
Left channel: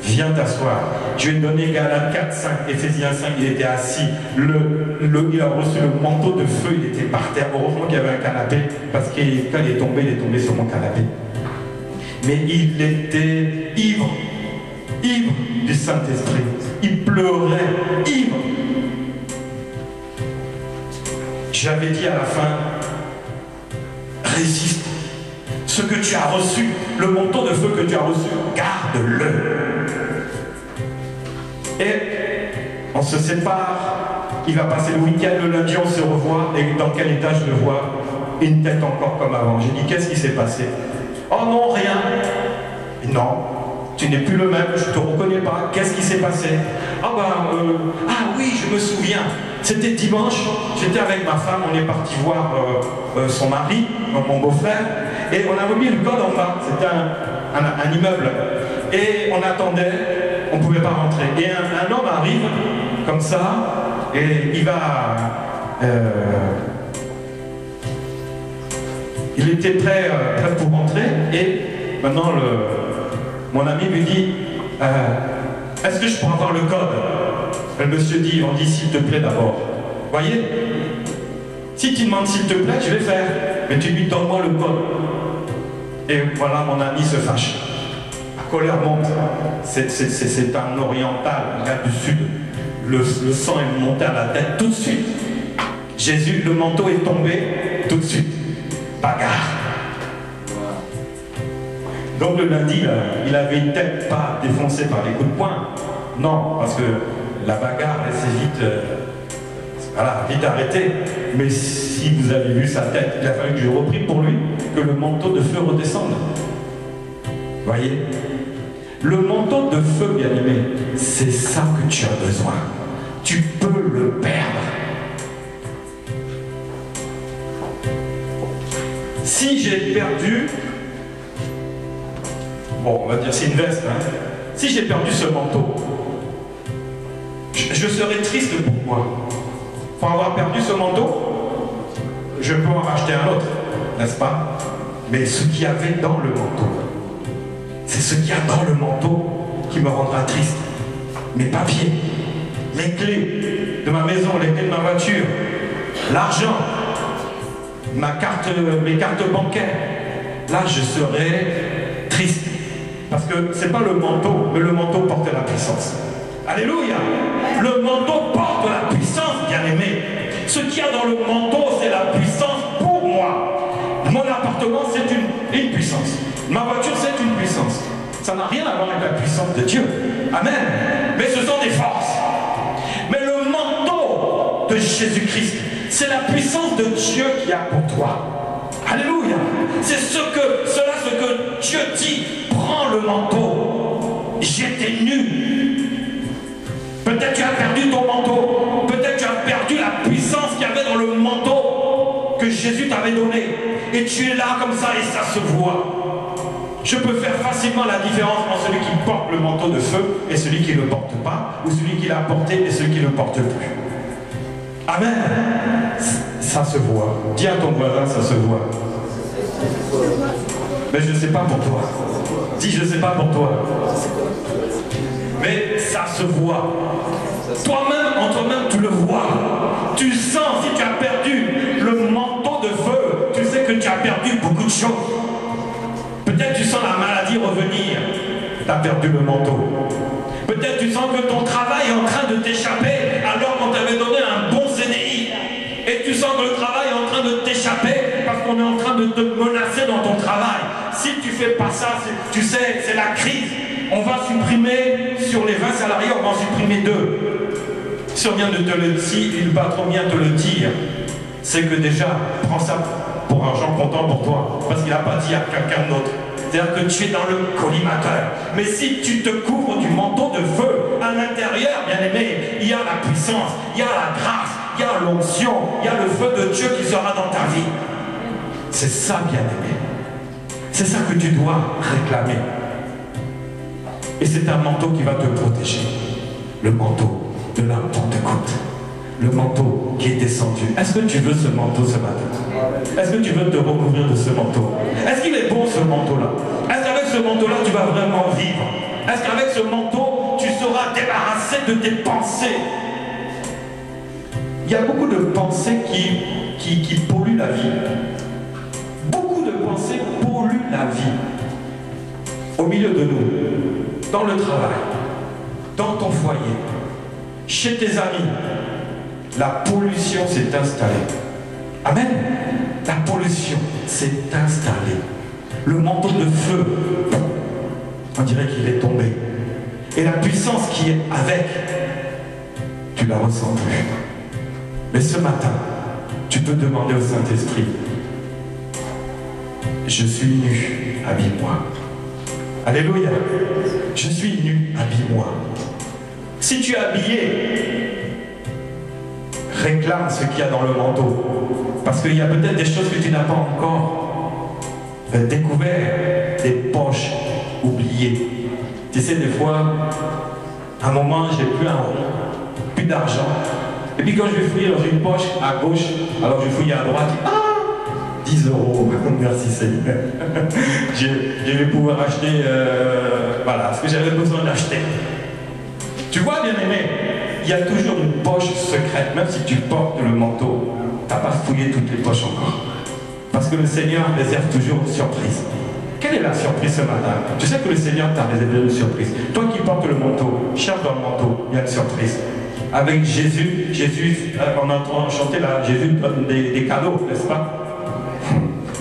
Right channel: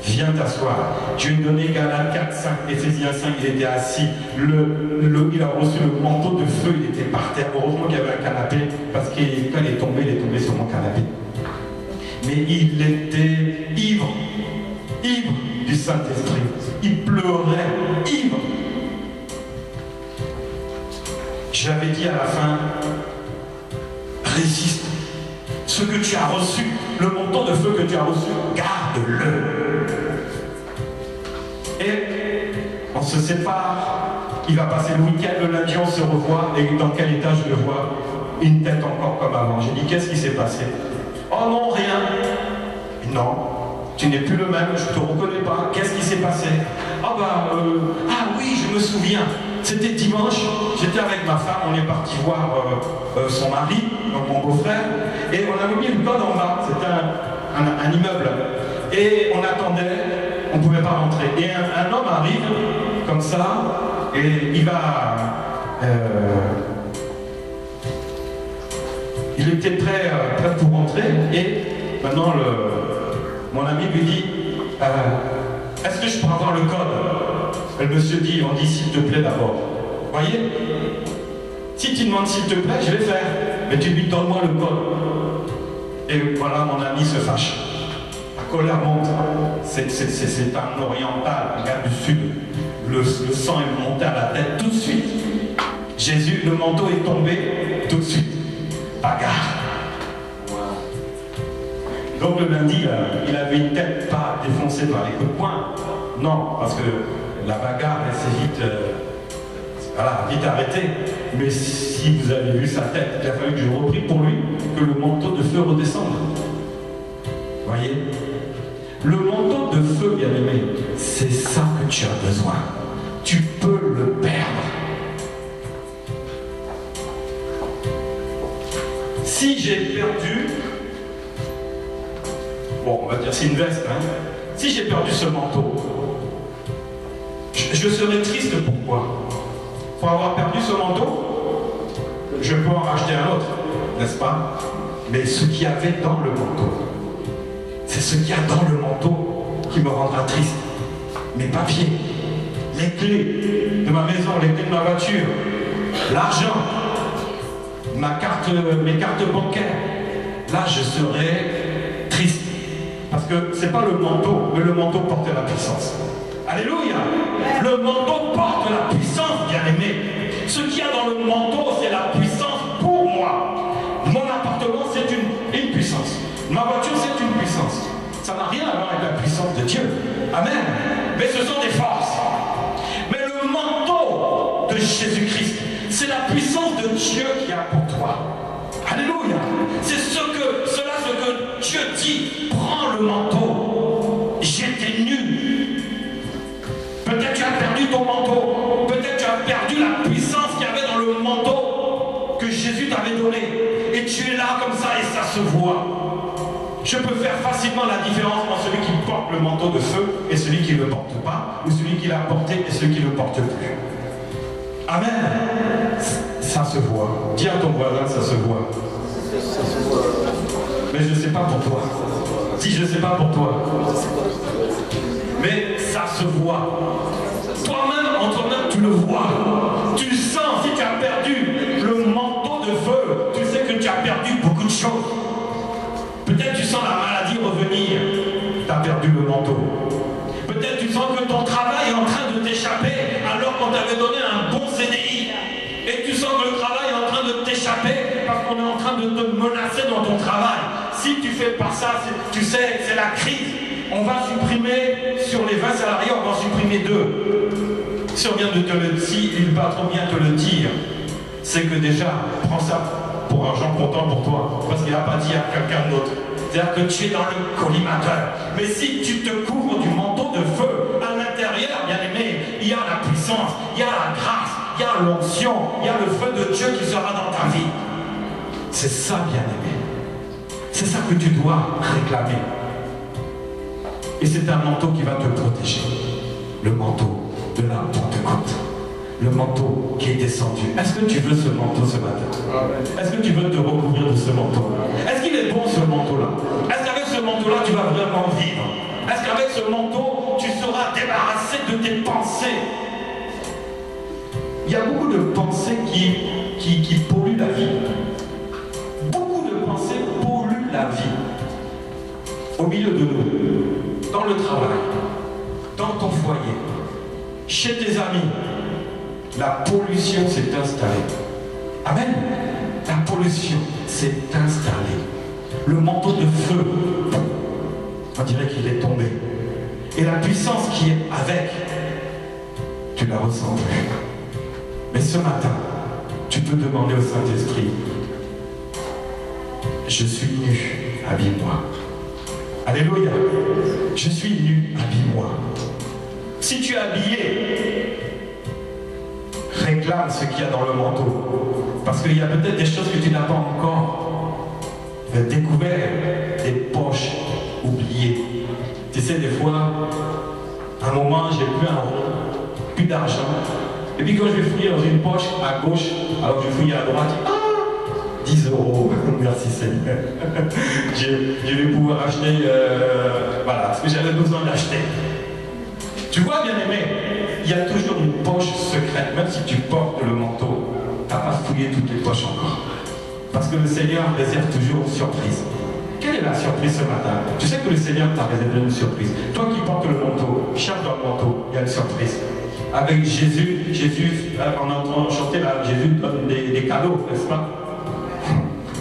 Viens t'asseoir. Je lui ai donné Galates 4, 5, Éphésiens 5, il était assis. Il a reçu le manteau de feu, il était par terre. Heureusement qu'il y avait un canapé, parce que quand il est tombé sur mon canapé. Mais il était ivre du Saint-Esprit. Il pleurait, ivre. J'avais dit à la fin, résiste. Ce que tu as reçu, le manteau de feu que tu as reçu, garde-le. Et on se sépare, il va passer le week-end, le lundi on se revoit, et dans quel état je le vois? Une tête encore comme avant. J'ai dit, qu'est-ce qui s'est passé? Oh non, rien. Non, tu n'es plus le même, je ne te reconnais pas, qu'est-ce qui s'est passé? Ah oui, je me souviens, c'était dimanche, j'étais avec ma femme, on est parti voir son mari, mon beau-frère, et on a mis le code en bas, c'était un immeuble, et on attendait, on ne pouvait pas rentrer. Et un homme arrive, comme ça, et il va... il était prêt pour rentrer, et maintenant mon ami lui dit, est-ce que je peux avoir le code? Le monsieur dit, on dit s'il te plaît d'abord. Voyez? Si tu demandes s'il te plaît, je vais faire. Mais tu lui donnes-moi le code. Et voilà, mon ami se fâche. La colère monte. C'est un oriental, un gars du sud. Le sang est monté à la tête tout de suite. Jésus, le manteau est tombé tout de suite. Bagarre. Donc le lundi, il avait une tête pas défoncée par les coups de poing. Non, parce que la bagarre, elle s'est vite... voilà, vite arrêtée. Mais si vous avez vu sa tête, il a fallu que je reprie pour lui que le manteau de feu redescende. Voyez? Le manteau de feu, bien aimé, c'est ça que tu as besoin. Tu peux le perdre. Si j'ai perdu, bon, on va dire c'est une veste, hein. Si j'ai perdu ce manteau, je serais triste. Pourquoi? Pour avoir perdu ce manteau, je peux en racheter un autre, n'est-ce pas? Mais ce qu'il y avait dans le manteau, c'est ce qu'il y a dans le manteau qui me rendra triste. Mes papiers, les clés de ma maison, les clés de ma voiture, l'argent, mes cartes bancaires. Là, je serai triste. Parce que ce n'est pas le manteau, mais le manteau porte la puissance. Alléluia! Le manteau porte la puissance, bien-aimé. Ce qu'il y a dans le manteau, c'est la puissance pour moi. Mon appartement, c'est une puissance. Ma voiture, c'est une puissance. Ça n'a rien à voir avec la puissance de Dieu. Amen. Mais ce sont des forces. Mais le manteau de Jésus-Christ, c'est la puissance de Dieu qui a pour toi. Alléluia. C'est ce que Dieu dit. Prends le manteau. J'étais nu. Peut-être tu as perdu ton manteau. Peut-être tu as perdu la puissance qu'il y avait dans le manteau que Jésus t'avait donné. Et tu es là comme ça et ça se voit. Je peux faire facilement la différence entre celui qui porte le manteau de feu et celui qui ne le porte pas, ou celui qui l'a porté et celui qui ne le porte plus. Amen. Ça se voit. Dis à ton voisin, ça se voit. Mais je ne sais pas pour toi. Dis, je ne sais pas pour toi. Mais ça se voit. Toi-même, en toi-même, tu le vois. Tu sens, si tu as perdu le manteau de feu, tu sais que tu as perdu beaucoup de choses. Peut-être tu sens la maladie revenir. Tu as perdu le manteau. Peut-être tu sens que ton travail est en train de t'échapper alors qu'on t'avait donné un bon CDI. Et tu sens que le travail est en train de t'échapper parce qu'on est en train de te menacer dans ton travail. Si tu fais pas ça, tu sais, c'est la crise. On va supprimer, sur les 20 salariés, on va en supprimer 2. Si on vient de te le dire, si le patron vient te le dire, c'est que déjà, prends ça pour argent comptant pour toi. Parce qu'il n'a pas dit à quelqu'un d'autre. C'est-à-dire que tu es dans le collimateur. Mais si tu te couvres du manteau de feu, à l'intérieur, bien aimé, il y a la puissance, il y a la grâce, il y a l'onction, il y a le feu de Dieu qui sera dans ta vie. C'est ça, bien aimé. C'est ça que tu dois réclamer. Et c'est un manteau qui va te protéger. Le manteau de la Pentecôte. Le manteau qui est descendu. Est-ce que tu veux ce manteau ce matin? Est-ce que tu veux te recouvrir de ce manteau? Est-ce qu'il est bon ce manteau-là? Est-ce qu'avec ce manteau-là tu vas vraiment vivre? Est-ce qu'avec ce manteau tu seras débarrassé de tes pensées? Il y a beaucoup de pensées qui polluent la vie. Beaucoup de pensées polluent la vie. Au milieu de nous, dans le travail, dans ton foyer, chez tes amis, la pollution s'est installée. Amen. La pollution s'est installée. Le manteau de feu, on dirait qu'il est tombé. Et la puissance qui est avec, tu la ressens plus. Mais ce matin, tu peux demander au Saint-Esprit, je suis nu, habille-moi. Alléluia. Je suis nu, habille-moi. Si tu es habillé, réclame ce qu'il y a dans le manteau. Parce qu'il y a peut-être des choses que tu n'as pas encore découvert, des poches oubliées. Tu sais, des fois, à un moment, j'ai plus un rond, plus d'argent. Et puis quand je vais fouiller dans une poche à gauche, alors je fouille à droite, ah, 10 €. Merci Seigneur. Je vais pouvoir acheter voilà, ce que j'avais besoin d'acheter. Tu vois, bien-aimé, il y a toujours une poche secrète, même si tu portes le manteau, tu n'as pas fouillé toutes les poches encore. Parce que le Seigneur réserve toujours une surprise. Quelle est la surprise ce matin? Tu sais que le Seigneur t'a réservé une surprise. Toi qui portes le manteau, cherche dans le manteau, il y a une surprise. Avec Jésus, on entend chanter là, Jésus donne des cadeaux, n'est-ce pas?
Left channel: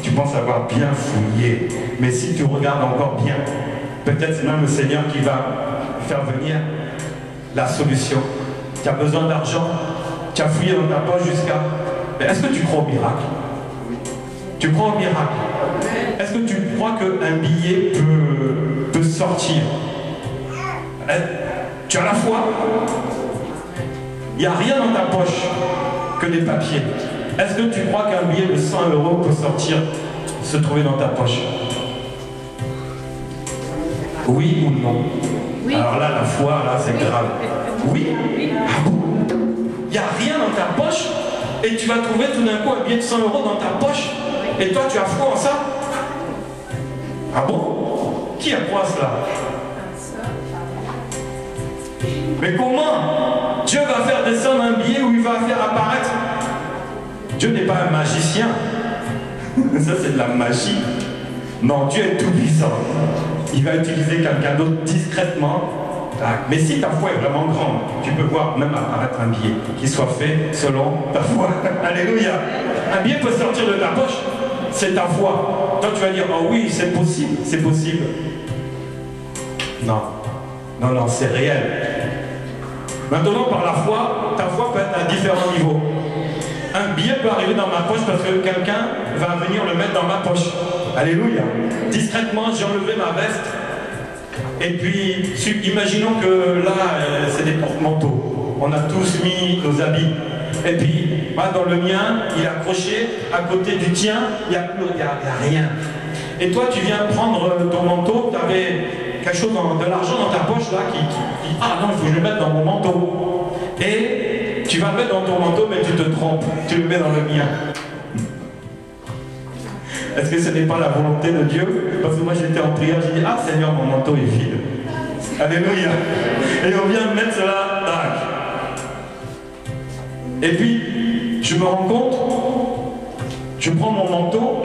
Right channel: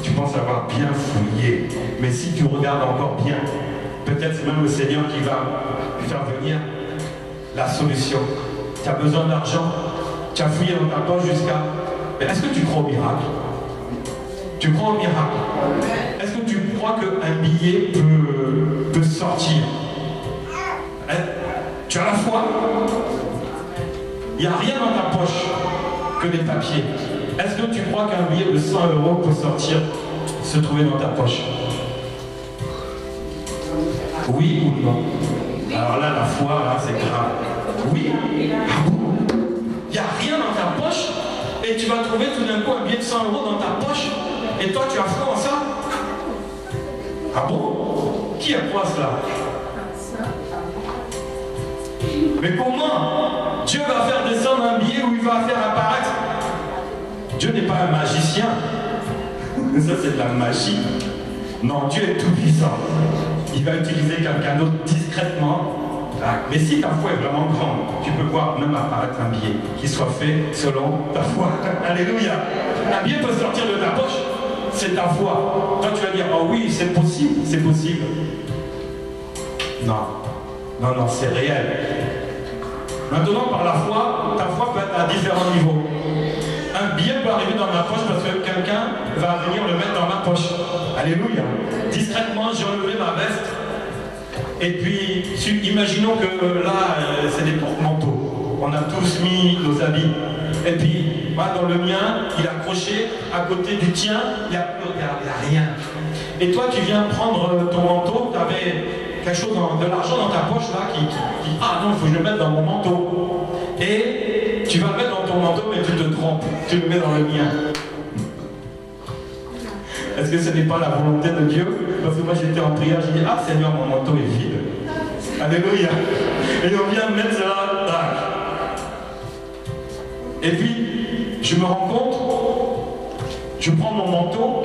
Tu penses avoir bien fouillé, mais si tu regardes encore bien, peut-être c'est même le Seigneur qui va faire venir la solution. Tu as besoin d'argent, tu as fouillé dans ta poche jusqu'à... Mais est-ce que tu crois au miracle? Tu crois au miracle? Est-ce que tu crois qu'un billet peut sortir? Tu as la foi? Il n'y a rien dans ta poche que des papiers. Est-ce que tu crois qu'un billet de 100 € peut sortir, se trouver dans ta poche? Oui ou non? Oui. Alors là, la foi, là, c'est grave. Oui? Ah bon? Il n'y a rien dans ta poche et tu vas trouver tout d'un coup un billet de 100 € dans ta poche et toi, tu as foi en ça? Ah bon? Qui a foi à cela? Mais comment Dieu va faire descendre un billet ou il va faire apparaître? Dieu n'est pas un magicien. Ça, c'est de la magie. Non, Dieu est tout puissant. Il va utiliser quelqu'un d'autre discrètement. Mais si ta foi est vraiment grande, tu peux voir même apparaître un billet qui soit fait selon ta foi. Alléluia. Un billet peut sortir de ta poche. C'est ta foi. Toi, tu vas dire, oh oui, c'est possible. C'est possible. Non. Non, non, c'est réel. Maintenant, par la foi, ta foi peut être à différents niveaux. Un billet peut arriver dans ma poche parce que quelqu'un va venir le mettre dans ma poche. Alléluia. Discrètement, j'ai enlevé ma veste. Et puis, imaginons que là, c'est des porte-manteaux. On a tous mis nos habits. Et puis, moi, dans le mien, il est accroché. À côté du tien, il n'y a rien. Et toi, tu viens prendre ton manteau. Tu avais quelque chose, de l'argent dans ta poche, là, qui ah non, il faut que je le mette dans mon manteau. Et tu vas le mettre dans ton manteau, mais tu te trompes. Tu le mets dans le mien. Est-ce que ce n'est pas la volonté de Dieu? Parce que moi, j'étais en prière, j'ai dit, ah Seigneur, mon manteau est vide. Alléluia. Et on vient mettre cela, tac. Et puis, je me rends compte, je prends mon manteau,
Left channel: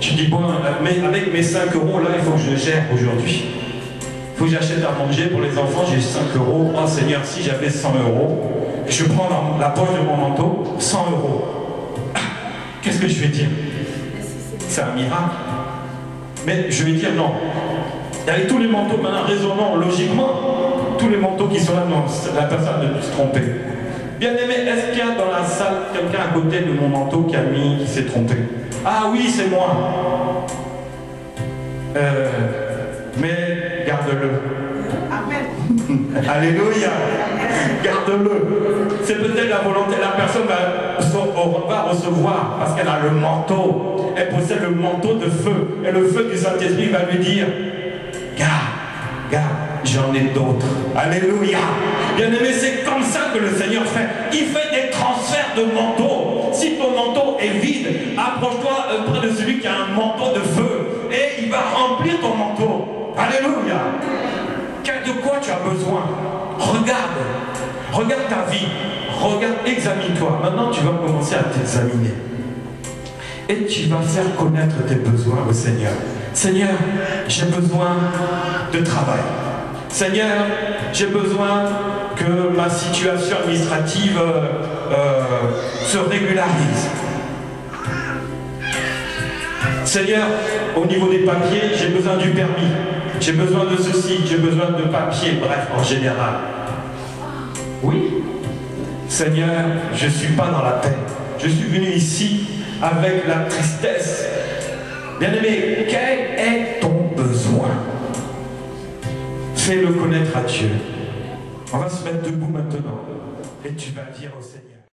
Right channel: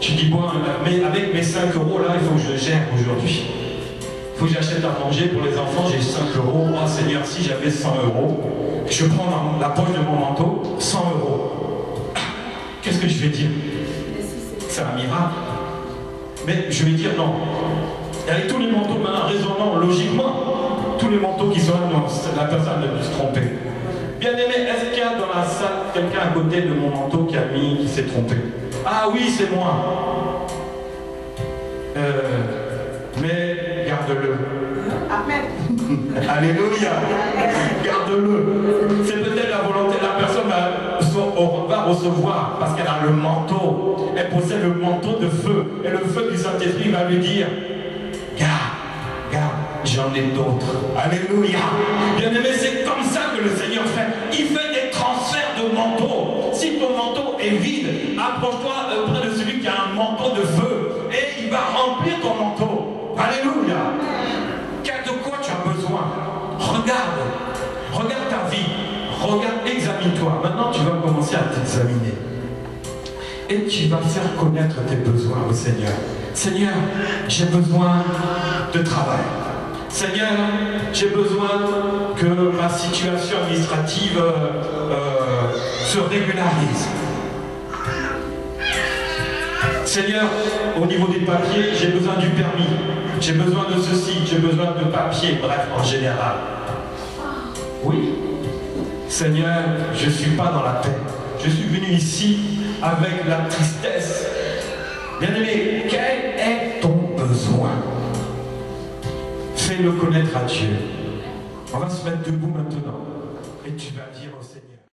je dis, bon, mais avec mes 5 € là, il faut que je le gère aujourd'hui. Il faut que j'achète à manger pour les enfants, j'ai 5 €. Oh Seigneur, si j'avais 100 €, je prends dans la poche de mon manteau 100 €. Qu'est-ce que je vais dire? C'est un miracle. Mais je vais dire non. Avec tous les manteaux, maintenant raisonnons logiquement, tous les manteaux qui sont là, non, la personne ne peut se tromper. Bien aimé, est-ce qu'il y a dans la salle quelqu'un à côté de mon manteau qui s'est trompé? Ah oui, c'est moi. Mais garde-le. Amen. Alléluia. Garde-le. C'est peut-être la volonté de la personne va recevoir parce qu'elle a le manteau. Elle possède le manteau de feu. Et le feu du Saint-Esprit va lui dire, garde, j'en ai d'autres. Alléluia. Bien aimé, c'est comme ça que le Seigneur fait. Il fait des transferts de manteaux. Si ton manteau est vide, approche-toi près de celui qui a un manteau de feu. Et il va remplir ton manteau. Alléluia. De quoi tu as besoin? Regarde ta vie. Regarde, examine-toi. Maintenant, tu vas commencer à t'examiner. Et tu vas faire connaître tes besoins au Seigneur. Seigneur, j'ai besoin de travail. Seigneur, j'ai besoin que ma situation administrative se régularise. Seigneur, au niveau des papiers, j'ai besoin du permis. J'ai besoin de ceci, j'ai besoin de papier, bref, en général. Oui. Seigneur, je ne suis pas dans la paix. Je suis venu ici avec la tristesse. Bien-aimé, quel est ton besoin? Fais-le connaître à Dieu. On va se mettre debout maintenant. Et tu vas dire.